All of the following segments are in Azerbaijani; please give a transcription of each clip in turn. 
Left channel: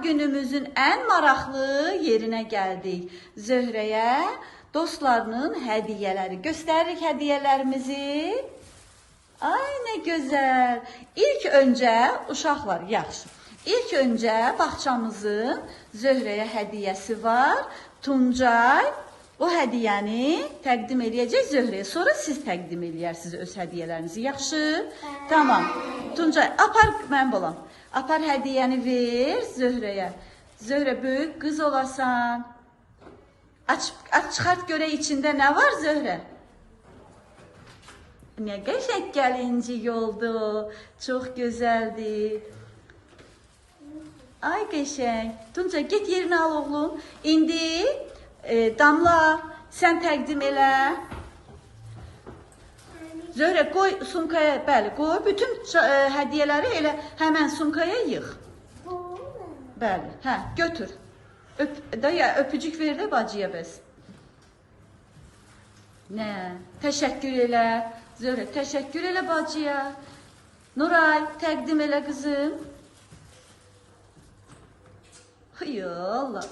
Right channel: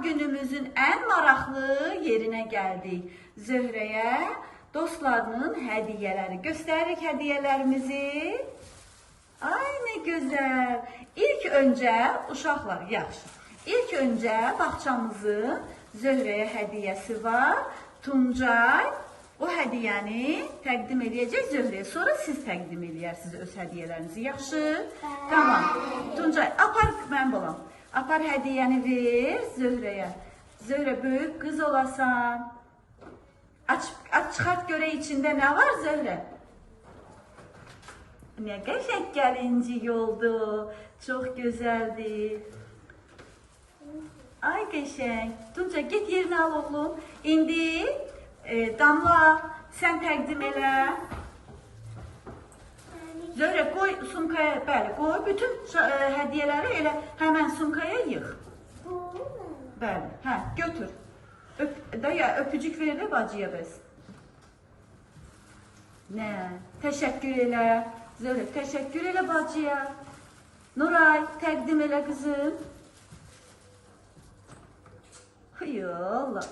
ad günümüzün en maraqlı yerine geldik. Zöhrəyə dostlarının hediyeleri. Göstəririk hediyelerimizi. Ay ne güzel. İlk önce uşaqlar yaxşı. İlk önce bağçamızın Zöhrəyə hediyesi var. Tuncay o hediyeni təqdim edəcək Zöhrəyə. Sonra siz təqdim edərsiniz öz hediyelerinizi. Yaxşı? Tamam. Tuncay apar mən bolam. Apar hediyeni ver Zöhrəyə. Zöhrə böyük kız olasan. Aç çıxart göre içinde ne var Zöhrə? Ne qəşəng gəlincik oldu. Çok güzeldi. Ay qəşəng. Tuncay get yerini al oğlum. İndi Damla sen təqdim elə. Zöhrə koy sumkaya, bəli koy. Bütün hediyeleri elə hemen sumkaya yığ. Bəli, hə götür. Öpücük ver də bacıya bəs. Nə? Təşəkkür elə. Zöhrə təşəkkür elə bacıya. Nuray təqdim elə kızım. Allah.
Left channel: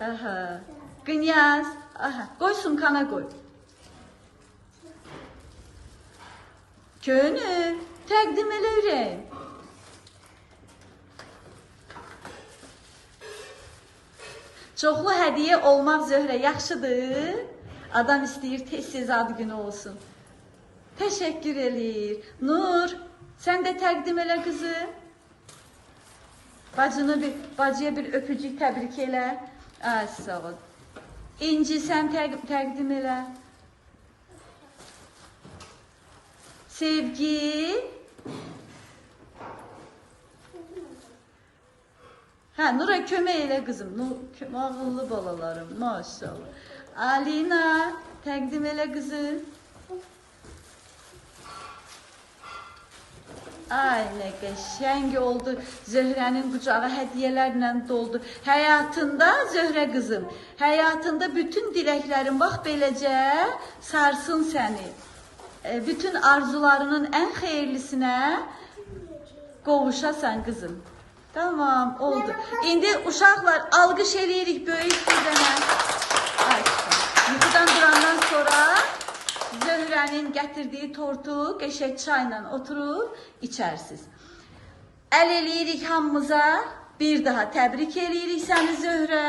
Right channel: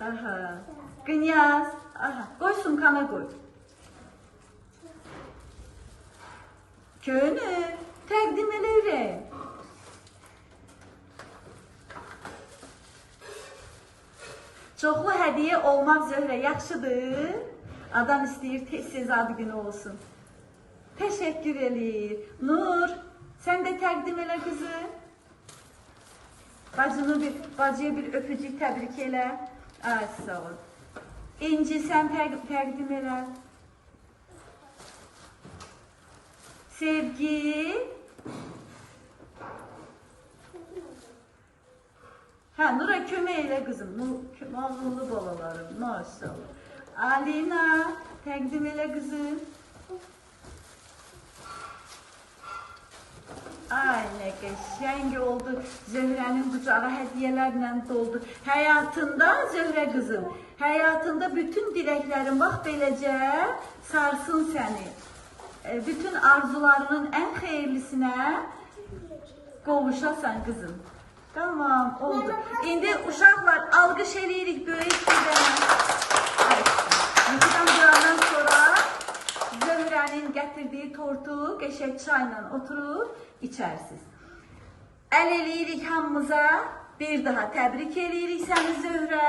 Aha. Kınyaz. Aha. Koy sumkana koy. Könül. Təqdim elə ürək. Çoxlu hediye olmaq Zöhrə yaxşıdır. Adam istəyir tez-tez ad günü olsun. Teşekkür eləyir. Nur, sen de təqdim elə kızım. Bacıya bir öpücük təbrik elə. Ay sağ ol. İnci sen təqdim elə. Sevgi. Ha Nura kömək elə kızım. Ağıllı balalarım maşallah. Alina təqdim elə kızım. Ay ne qəşəng oldu. Zöhrənin kucağı hediyelerle doldu. Hayatında Zöhrə kızım, hayatında bütün dileklerin bak beləcə sarsın seni. Bütün arzularının en hayırlısına qovuşasan kızım. Tamam oldu. İndi uşaqlar alqış eləyirik böyük bir dənə. Ay yuxudan durandan sonra Zöhrənin gətirdiyi tortu qəşəng çayla oturur içərsiniz. Əl eləyirik hamımıza. Bir daha təbrik eləyirik səni Zöhrə.